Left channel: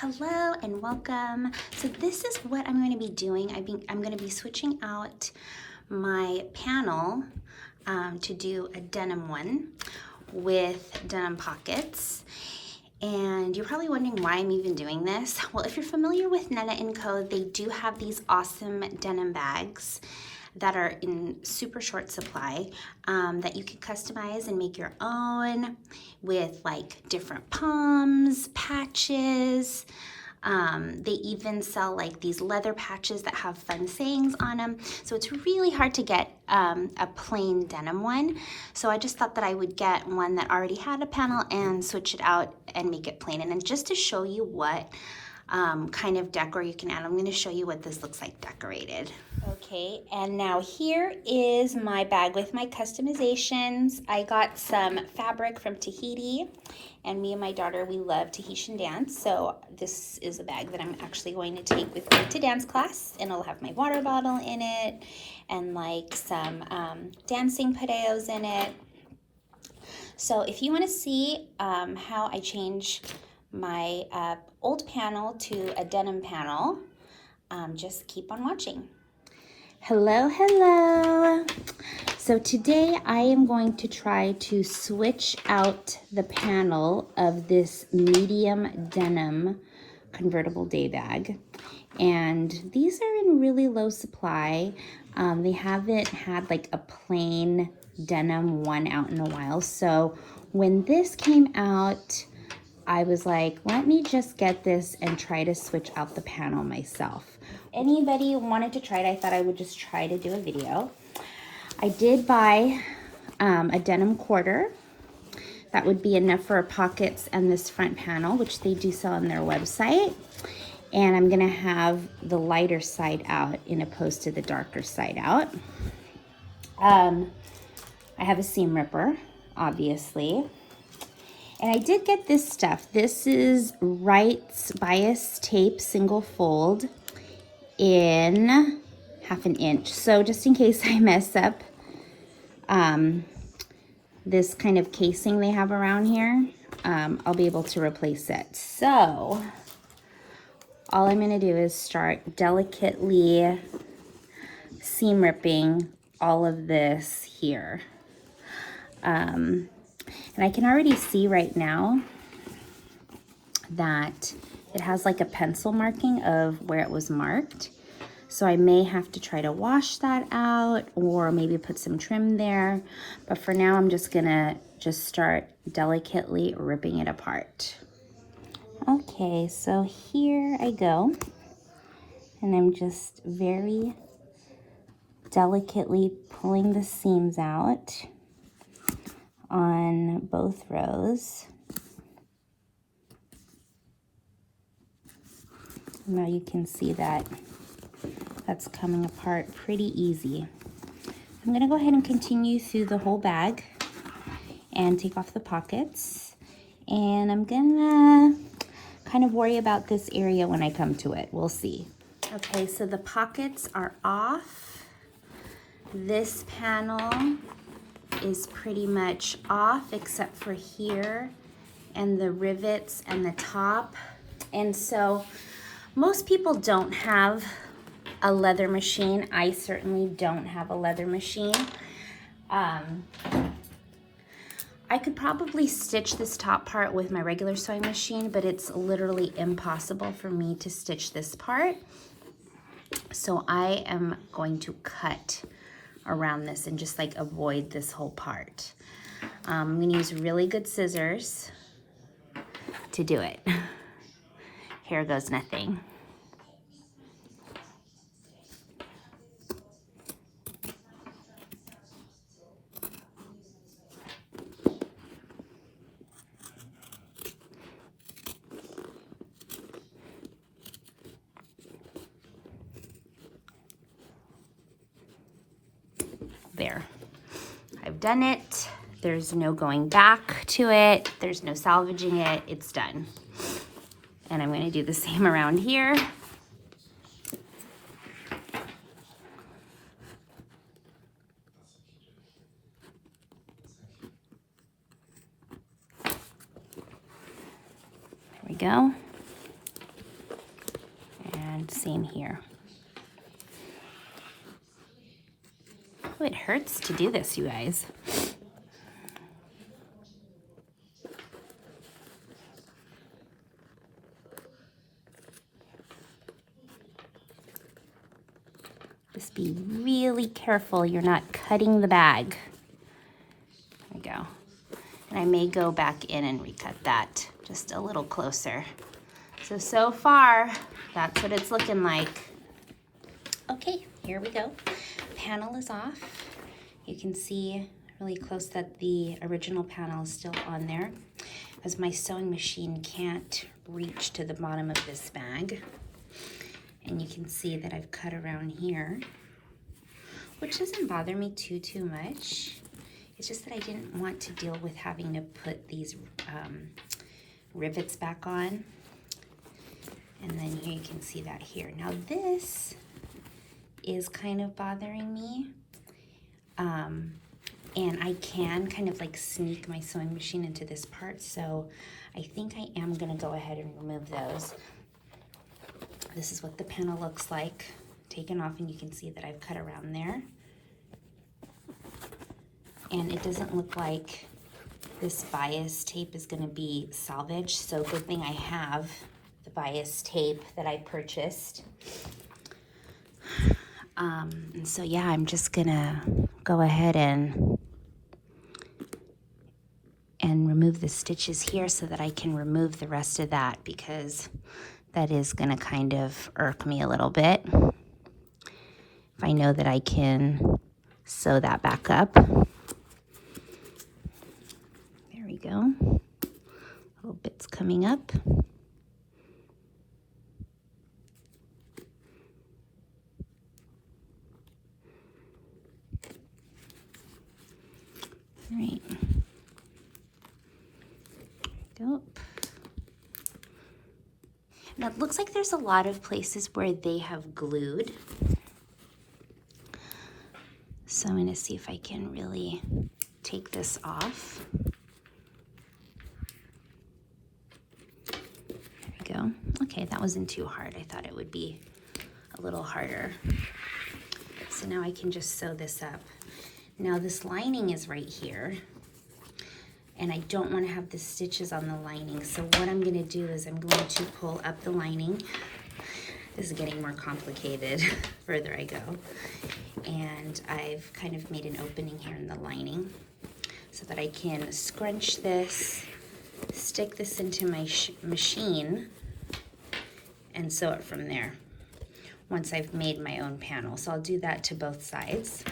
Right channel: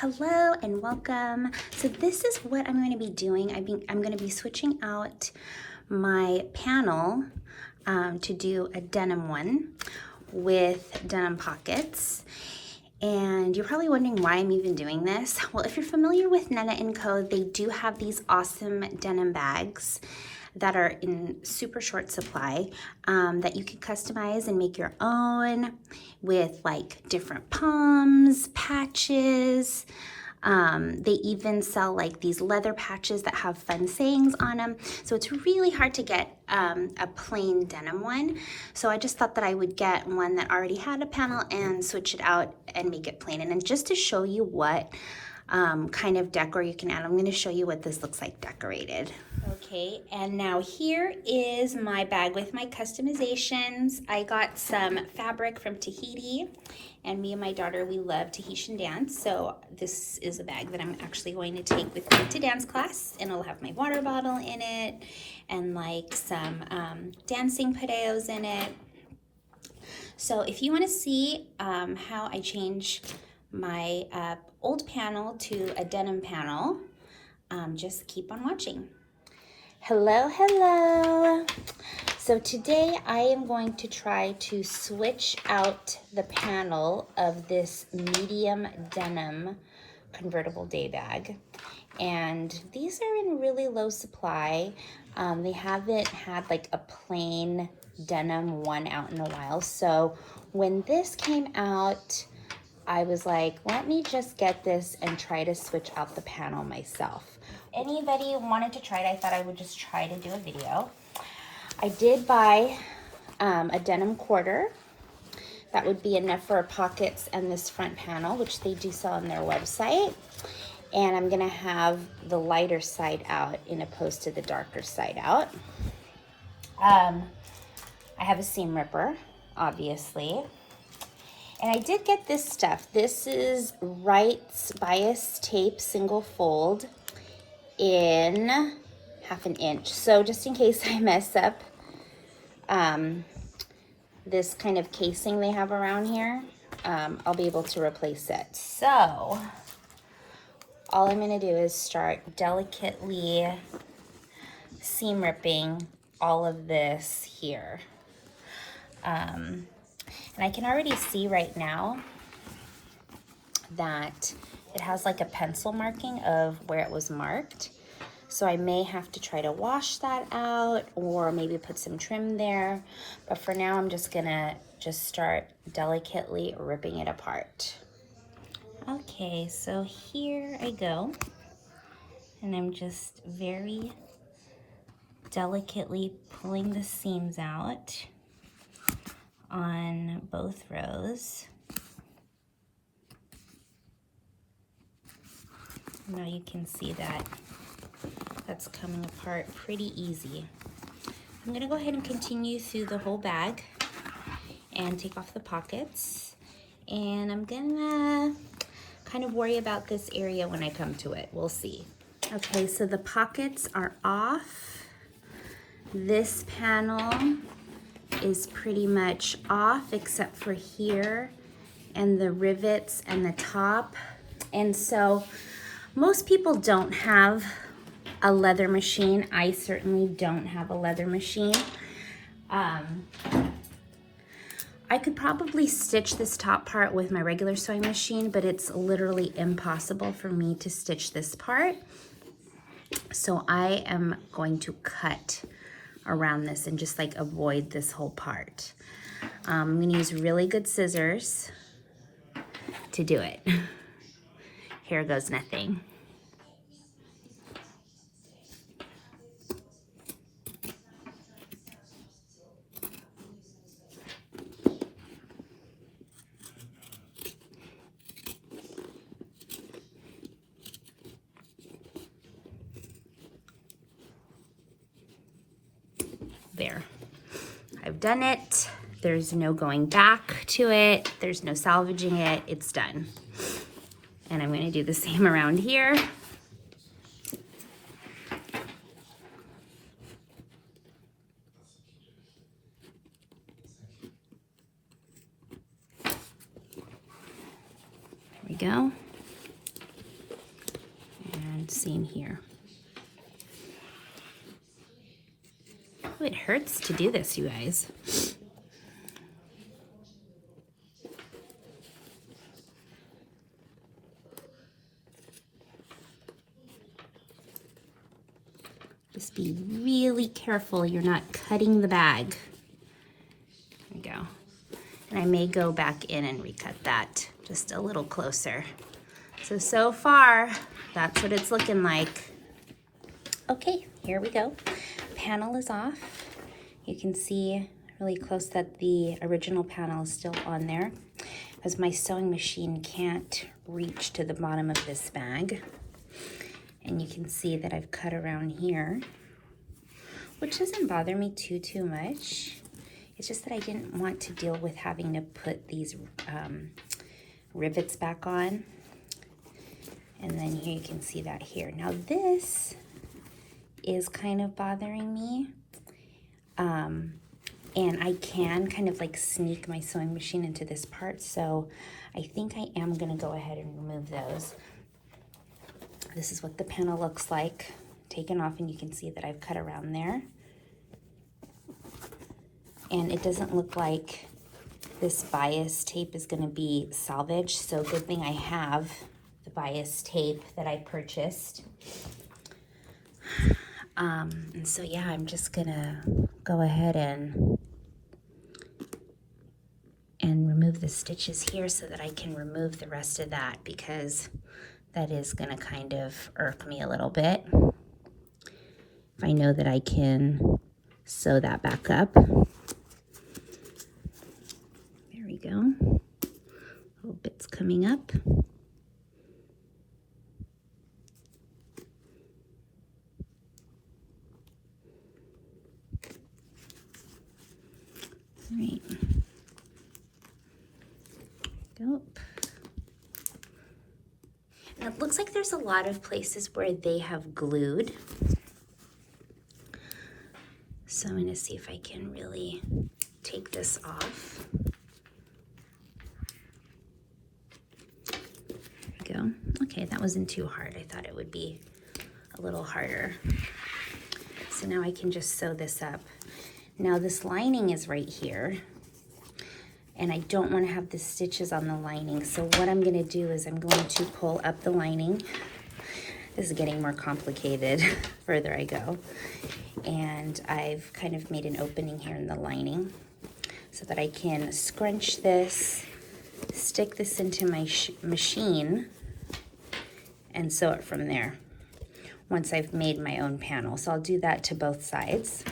Hello and welcome. So this is what I'm going to be doing. I'm going to be switching out my panel to do a denim one with denim pockets. And you're probably wondering why I'm even doing this. Well, if you're familiar with Nena & Co, they do have these awesome denim bags that are in super short supply that you can customize and make your own with like different poms, patches. They even sell like these leather patches that have fun sayings on them. So it's really hard to get a plain denim one. So I just thought that I would get one that already had a panel and switch it out and make it plain. And then just to show you what kind of decor you can add, I'm going to show you what this looks like decorated. Okay, and now here is my bag with my customizations. I got some fabric from Tahiti, and me and my daughter, we love Tahitian dance, so this is a bag that I'm actually going to take with me to dance class, and it'll have my water bottle in it, and like some dancing padeos in it. So if you want to see how I change my old panel to a denim panel, just keep on watching. Hello. So today I am going to try to switch out the panel of this medium denim convertible day bag. And these are in really low supply. They haven't had like a plain denim one out in a while. So when this came out, I was like, let me just get this and try to switch out the panel myself. Anybody wanted to try it, I thought I would just try to do a video. I did buy a denim quarter. That would be enough for pockets and this front panel, which they do sell on their website. And I'm gonna have the lighter side out in opposed to the darker side out. I have a seam ripper, obviously. And I did get this stuff. This is Wright's bias tape single fold in 1/2 inch. So just in case I mess up this kind of casing they have around here, I'll be able to replace it. So all I'm gonna do is start delicately seam ripping all of this here. And I can already see right now that it has like a pencil marking of where it was marked. So I may have to try to wash that out or maybe put some trim there. But for now, I'm just gonna start delicately ripping it apart. Okay, so here I go. And I'm just very delicately pulling the seams out on both rows. Now you can see that that's coming apart pretty easy. I'm gonna go ahead and continue through the whole bag and take off the pockets. And I'm gonna kind of worry about this area when I come to it. We'll see. Okay, so the pockets are off. This panel is pretty much off except for here and the rivets and the top. And so most people don't have a leather machine. I certainly don't have a leather machine. I could probably stitch this top part with my regular sewing machine, but it's literally impossible for me to stitch this part. So I am going to cut around this and just like avoid this whole part. I'm gonna use really good scissors to do it. Here goes nothing. There, I've done it. There's no going back to it. There's no salvaging it. It's done. And I'm gonna do the same around here. There we go. same here. Oh, it hurts to do this, you guys. Just be really careful you're not cutting the bag. There we go. And I may go back in and recut that just a little closer. So far, that's what it's looking like. Okay, here we go. Panel is off. You can see really close that the original panel is still on there, as my sewing machine can't reach to the bottom of this bag. And you can see that I've cut around here, which doesn't bother me too much. It's just that I didn't want to deal with having to put these rivets back on. And then here you can see that here. Now this is kind of bothering me. And I can kind of like sneak my sewing machine into this part. So I think I am gonna go ahead and remove those. This is what the panel looks like, taken off, and you can see that I've cut around there. And it doesn't look like this bias tape is gonna be salvaged, so good thing I have the bias tape that I purchased. And so yeah, I'm just gonna go ahead and remove the stitches here so that I can remove the rest of that, because that is gonna kind of irk me a little bit. If I know that I can sew that back up. There we go. Little bits coming up. All right. Go. Now it looks like there's a lot of places where they have glued. So I'm gonna see if I can really take this off. There we go. Okay, that wasn't too hard. I thought it would be a little harder. So now I can just sew this up. Now this lining is right here, and I don't want to have the stitches on the lining. So what I'm going to do is I'm going to pull up the lining. This is getting more complicated further I go. And I've kind of made an opening here in the lining so that I can scrunch this, stick this into my machine, and sew it from there once I've made my own panel. So I'll do that to both sides.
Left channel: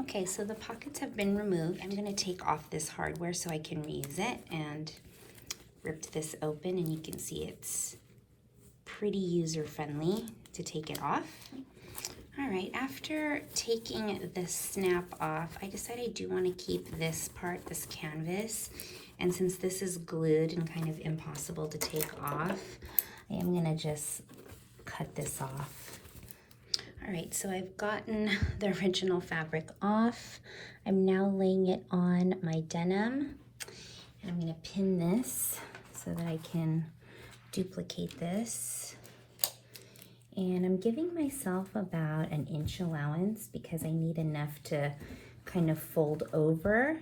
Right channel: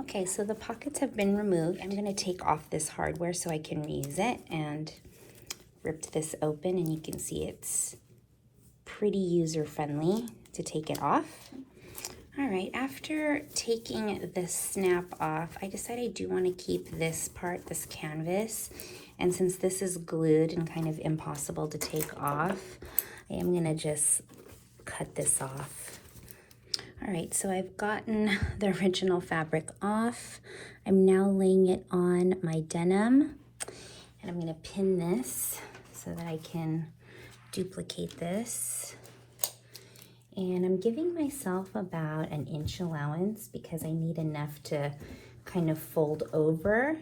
Okay, so the pockets have been removed. I'm gonna take off this hardware so I can reuse it, and ripped this open, and you can see it's pretty user-friendly to take it off. All right, after taking the snap off, I decided I do want to keep this part, this canvas, and since this is glued and kind of impossible to take off, I am gonna just cut this off. All right, so I've gotten the original fabric off. I'm now laying it on my denim, and I'm gonna pin this so that I can duplicate this. And I'm giving myself about an inch allowance because I need enough to kind of fold over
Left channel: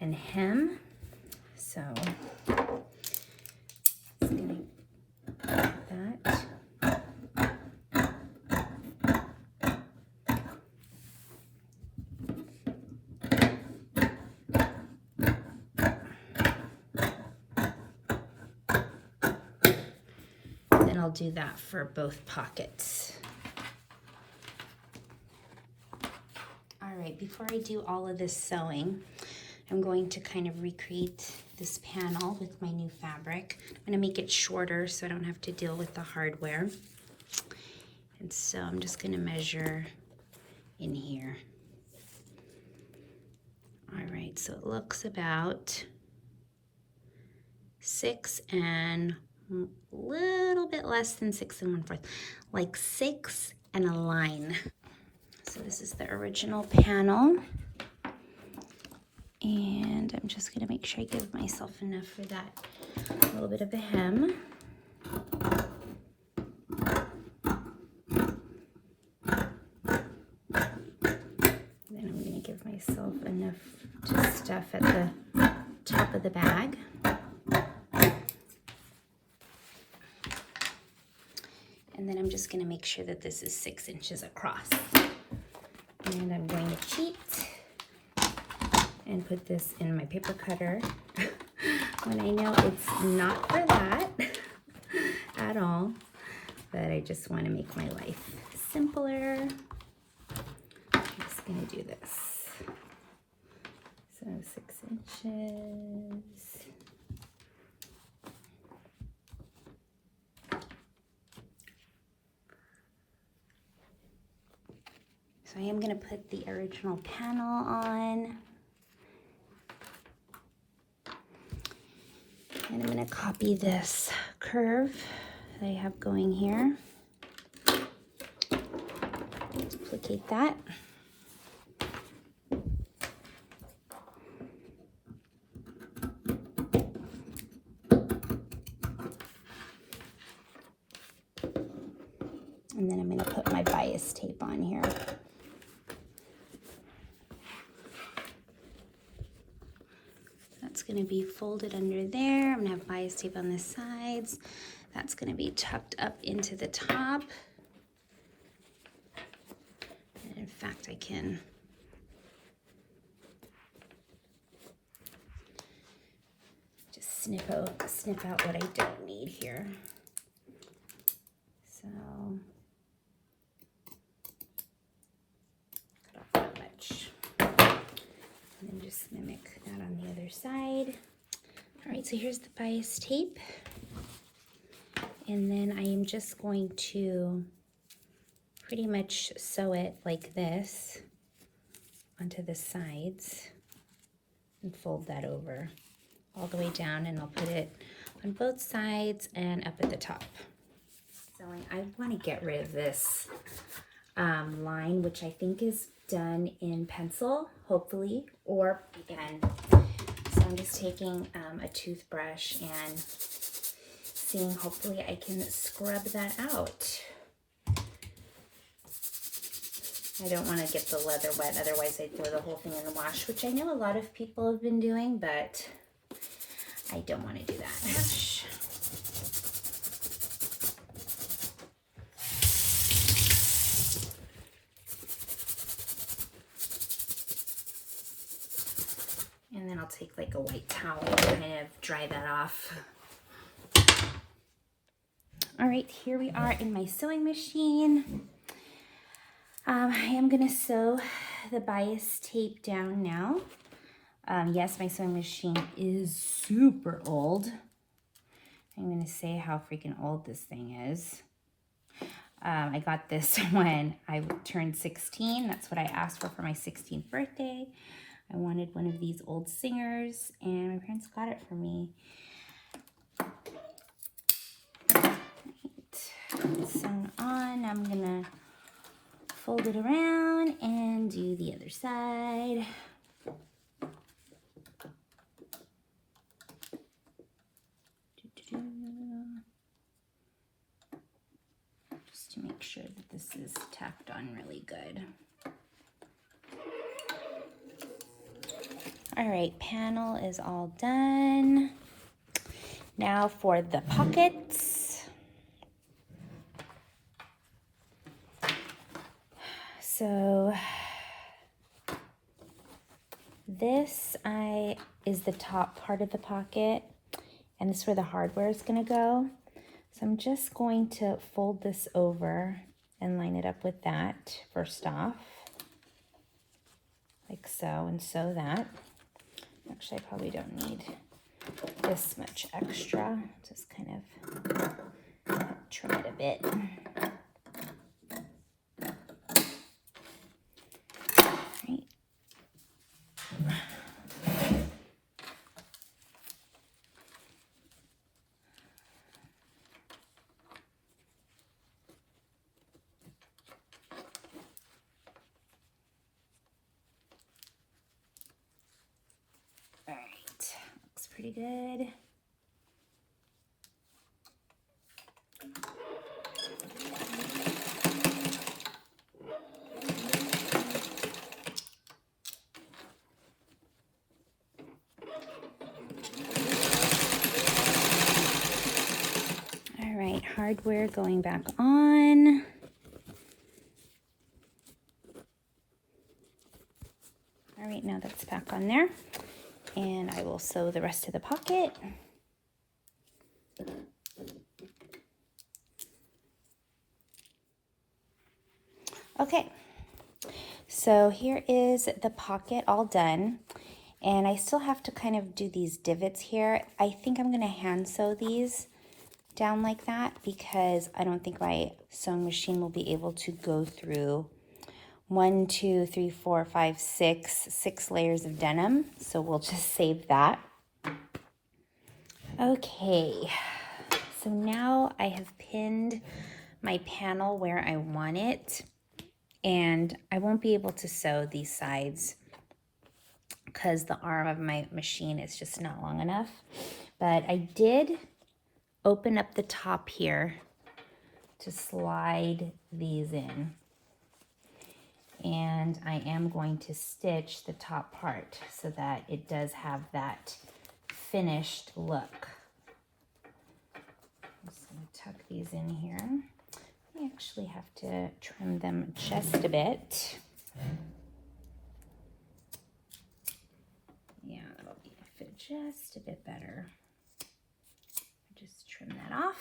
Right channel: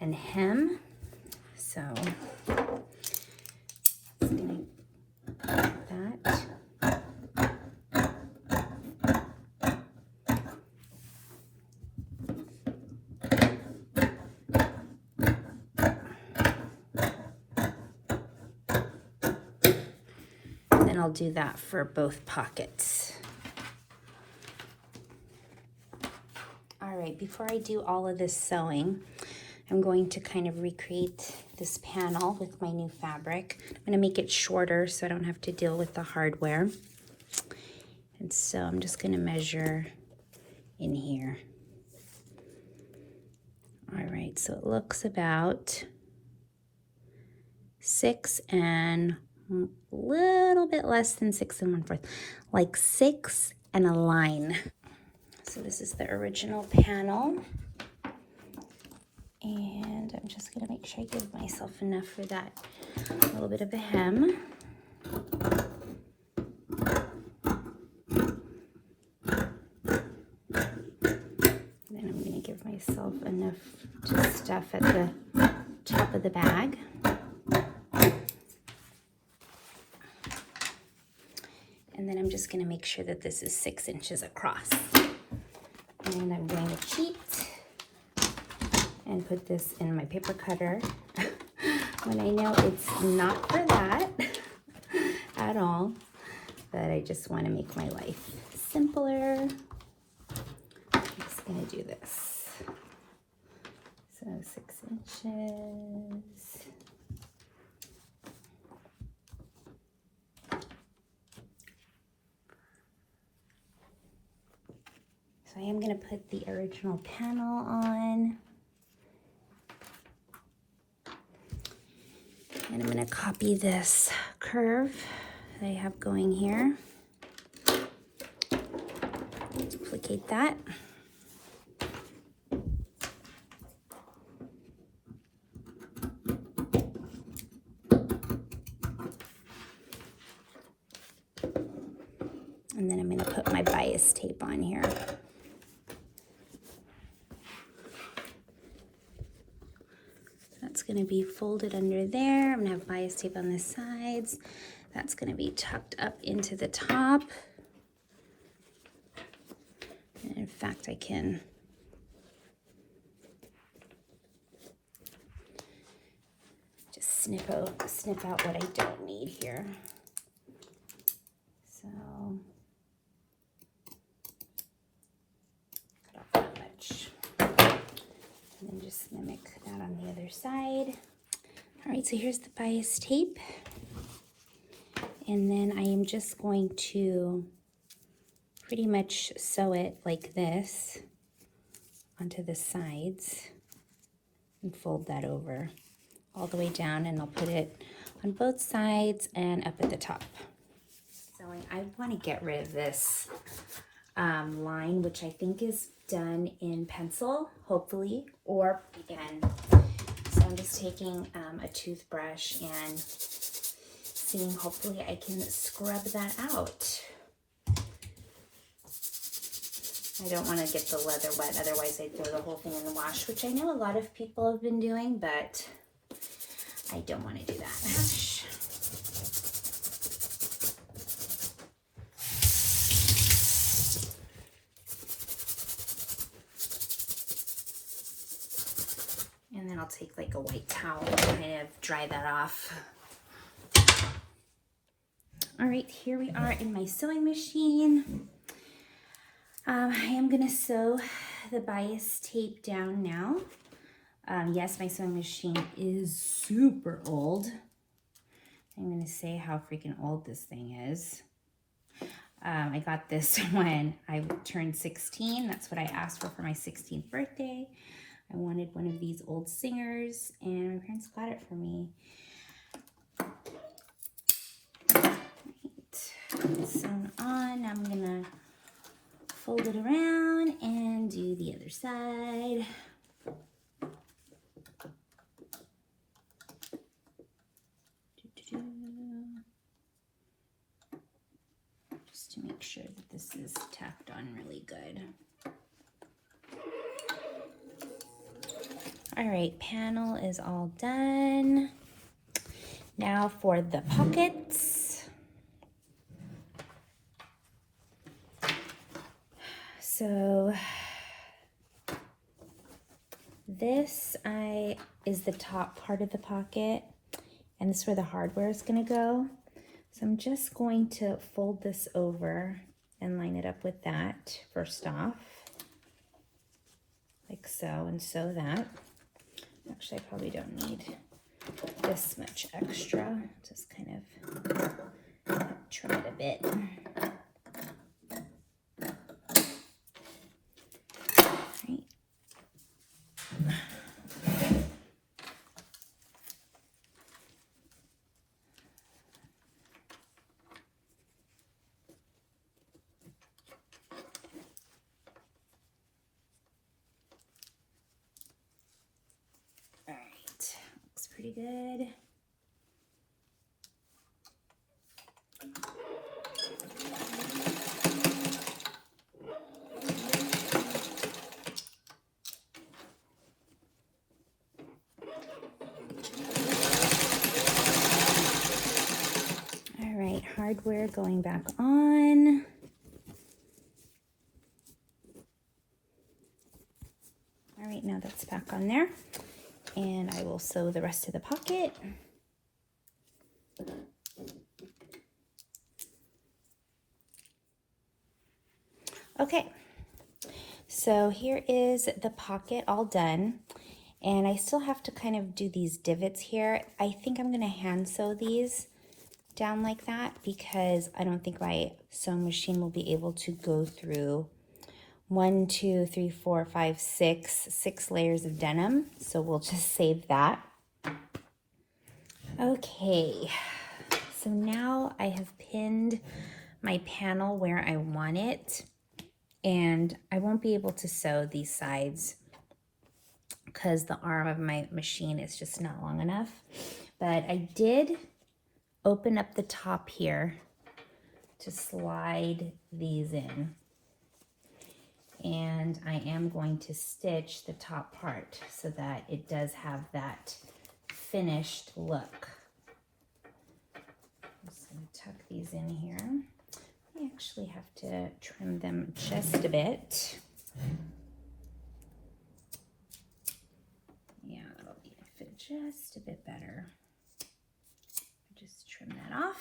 and hem. So let's do that. I'll do that for both pockets. All right, before I do all of this sewing, I'm going to kind of recreate this panel with my new fabric. I'm gonna make it shorter so I don't have to deal with the hardware. And so I'm just gonna measure in here. All right, so it looks about 6 and a little bit less than 6 1/4, like 6 and a line. So this is the original panel, and I'm just gonna make sure I give myself enough for that little bit of a hem. stuff at the top of the bag. And then I'm just going to make sure that this is 6 inches across. And I'm going to cheat and put this in my paper cutter when I know it's not for that at all, but I just want to make my life simpler. I'm just going to do this. So 6 inches. So I am going to put the original panel on. I'm going to copy this curve that I have going here. Duplicate that. And then I'm going to put my bias tape on here. That's going to be folded under there. I'm going to have bias tape on the sides. That's going to be tucked up into the top. And in fact, I can just snip out what I don't need here. So cut off that much. And then just mimic that on the other side. All right, so here's the bias tape. And then I am just going to pretty much sew it like this onto the sides and fold that over all the way down, and I'll put it on both sides and up at the top. So I want to get rid of this line, which I think is done in pencil, hopefully, or again. So I'm just taking a toothbrush and seeing, hopefully I can scrub that out. I don't want to get the leather wet, otherwise I'd throw the whole thing in the wash, which I know a lot of people have been doing, but I don't want to do that. And then I'll take like a white towel and kind of dry that off. All right, here we are in my sewing machine. I am gonna sew the bias tape down now. Yes, my sewing machine is super old. I'm gonna say how freaking old this thing is. I got this when I turned 16. That's what I asked for my 16th birthday. I wanted one of these old singers, and my parents got it for me. Right. Sewn on. I'm gonna fold it around and do the other side. Just to make sure that this is tacked on really good. All right, panel is all done. Now for the pockets. So this is the top part of the pocket, and this is where the hardware is going to go. So I'm just going to fold this over and line it up with that first off, like so, and sew that. Actually, I probably don't need this much extra. Just kind of trim it a bit. Looks pretty good. we're going back on. All right, now that's back on there. And I will sew the rest of the pocket. Okay, so here is the pocket all done. And I still have to kind of do these divots here. I think I'm gonna hand sew these down like that because I don't think my sewing machine will be able to go through 1, 2, 3, 4, 5, 6 layers of denim. So we'll just save that. Okay, so now I have pinned my panel where I want it, and I won't be able to sew these sides because the arm of my machine is just not long enough. But I did open up the top here to slide these in. And I am going to stitch the top part so that it does have that finished look. I'm just going to tuck these in here. I actually have to trim them just a bit. Yeah, that'll fit just a bit better. Just trim that off.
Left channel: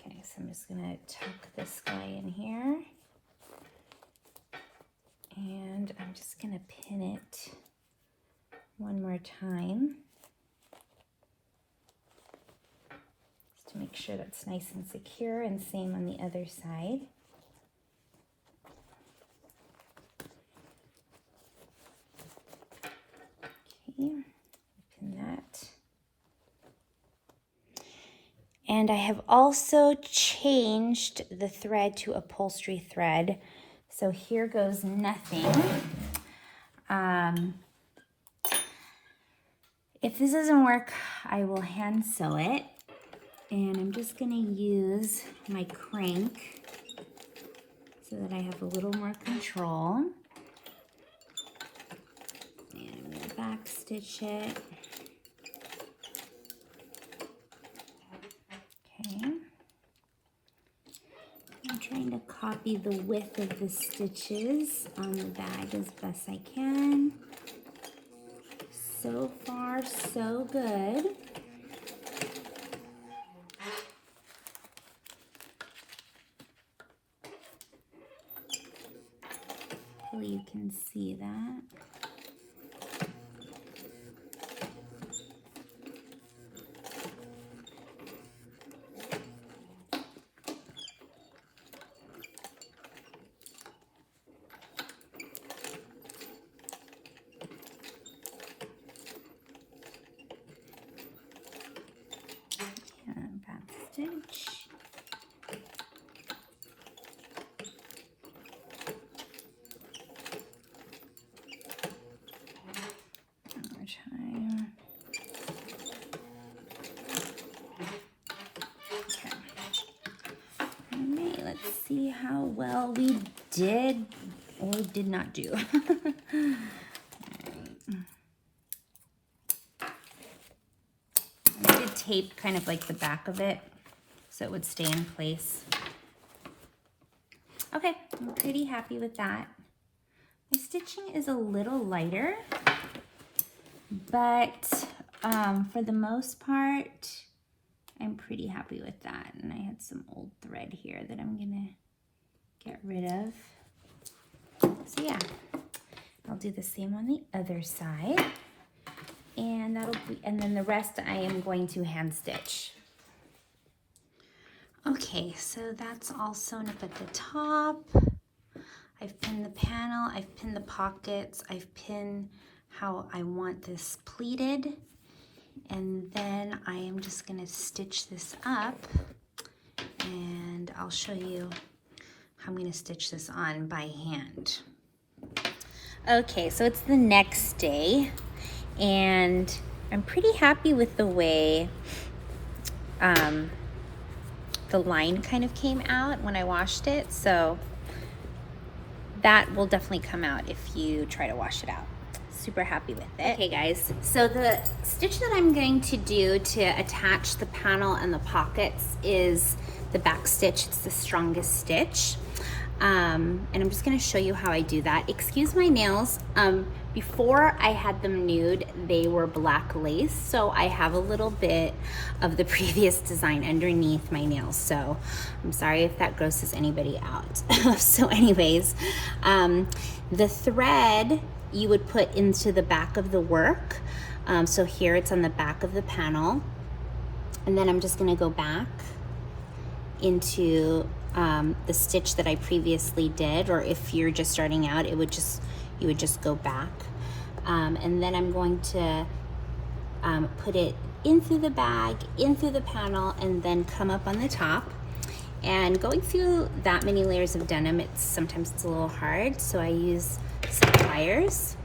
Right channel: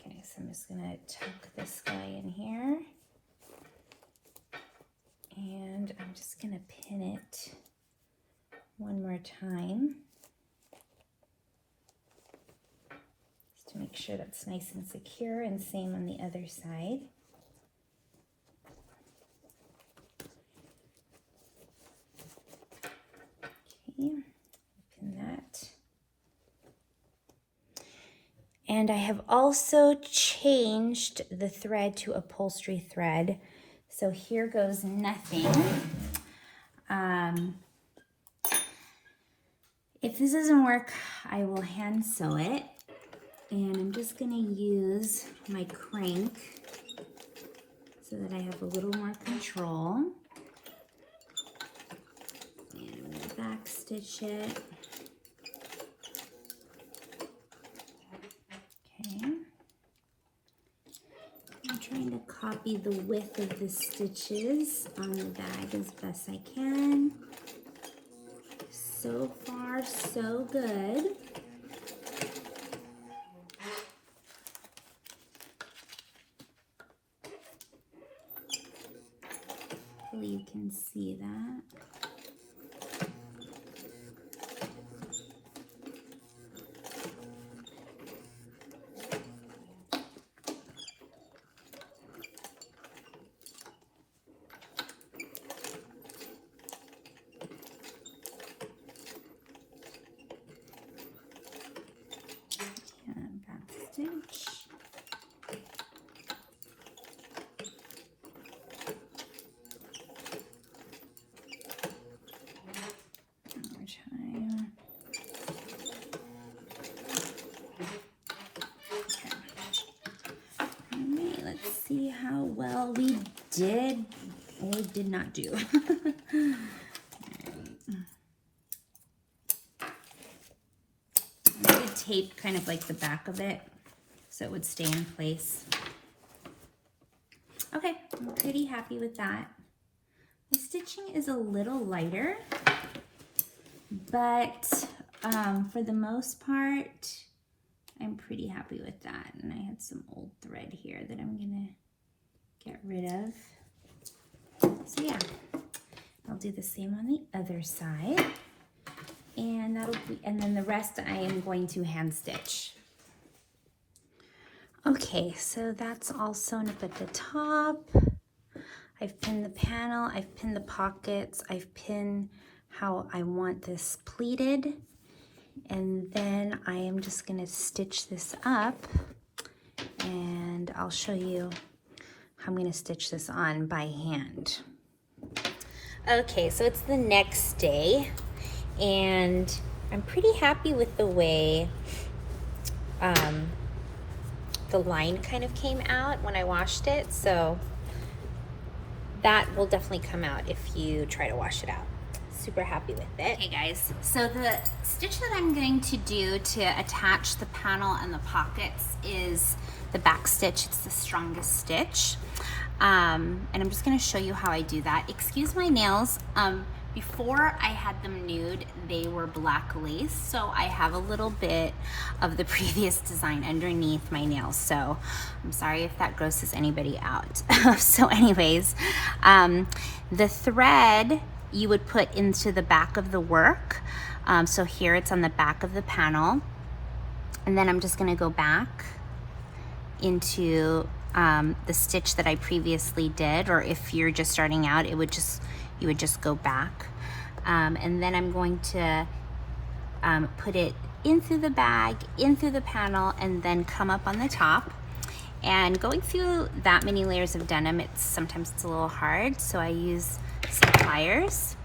Okay, so I'm just gonna tuck this guy in here. And I'm just gonna pin it one more time. Just to make sure that's nice and secure, and same on the other side. Okay, pin that. And I have also changed the thread to upholstery thread. So here goes nothing. If this doesn't work, I will hand sew it. And I'm just gonna use my crank so that I have a little more control. And I'm gonna back stitch it. Okay. I'm trying to copy the width of the stitches on the bag as best I can. So far, so good. Hopefully you can see that. Stitch. One more time. Okay. All right, let's see how well we did or did not do. I did tape kind of like the back of it so it would stay in place. Okay, I'm pretty happy with that. My stitching is a little lighter, but for the most part, I'm pretty happy with that. And I had some old thread here that I'm gonna get rid of. So yeah, I'll do the same on the other side. And that'll be, and then the rest I am going to hand stitch. Okay, so that's all sewn up at the top. I've pinned the panel, I've pinned the pockets, I've pinned how I want this pleated. And then I am just gonna stitch this up, and I'll show you how I'm gonna stitch this on by hand. Okay, so it's the next day, and I'm pretty happy with the way the line kind of came out when I washed it, so that will definitely come out if you try to wash it out. super happy with it. Okay guys, so the stitch that I'm going to do to attach the panel and the pockets is the back stitch. It's the strongest stitch. And I'm just gonna show you how I do that. Excuse my nails. Before I had them nude, they were black lace, so I have a little bit of the previous design underneath my nails, so I'm sorry if that grosses anybody out. So anyways, the thread you would put into the back of the work. So here it's on the back of the panel, and then I'm just gonna go back into the stitch that I previously did, or if you're just starting out, you would just go back. And then I'm going to put it in through the bag, in through the panel, and then come up on the top. And going through that many layers of denim, sometimes it's a little hard, so I use some pliers.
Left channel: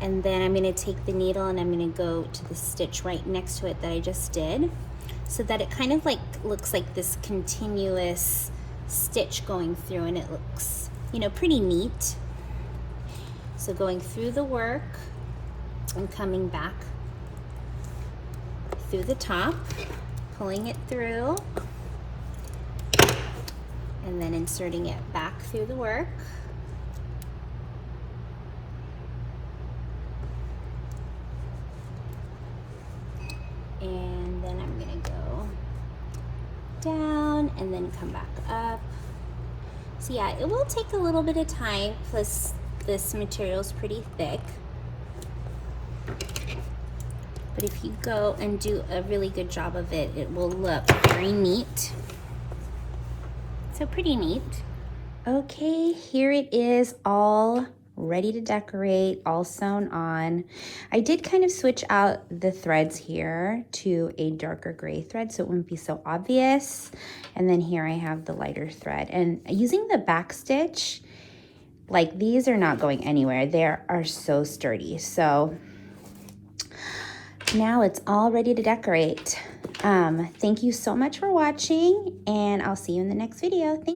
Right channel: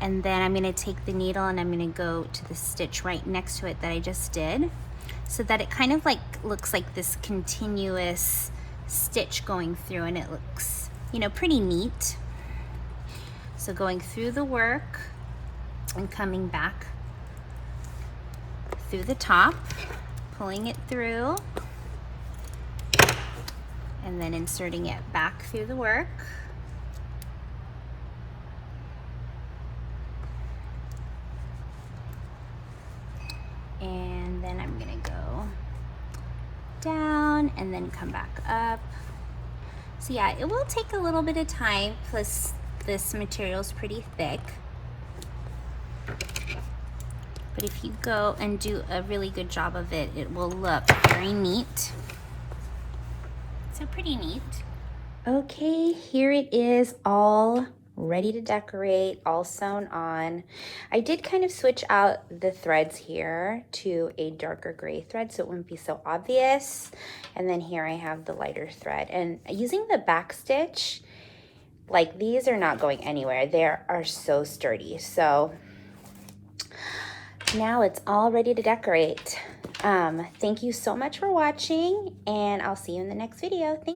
And then I'm gonna take the needle and I'm gonna go to the stitch right next to it that I just did, so that it kind of like looks like this continuous stitch going through, and it looks, you know, pretty neat. So going through the work and coming back through the top, pulling it through, and then inserting it back through the work. And then I'm gonna go down and then come back up. So yeah, it will take a little bit of time, plus this material is pretty thick. But if you go and do a really good job of it, it will look very neat. So pretty neat. Okay, here it is, all ready to decorate, all sewn on. I did kind of switch out the threads here to a darker gray thread so it wouldn't be so obvious. And then here I have the lighter thread. And using the back stitch, like, these are not going anywhere. They are so sturdy. So now it's all ready to decorate. Thank you so much for watching, and I'll see you in the next video.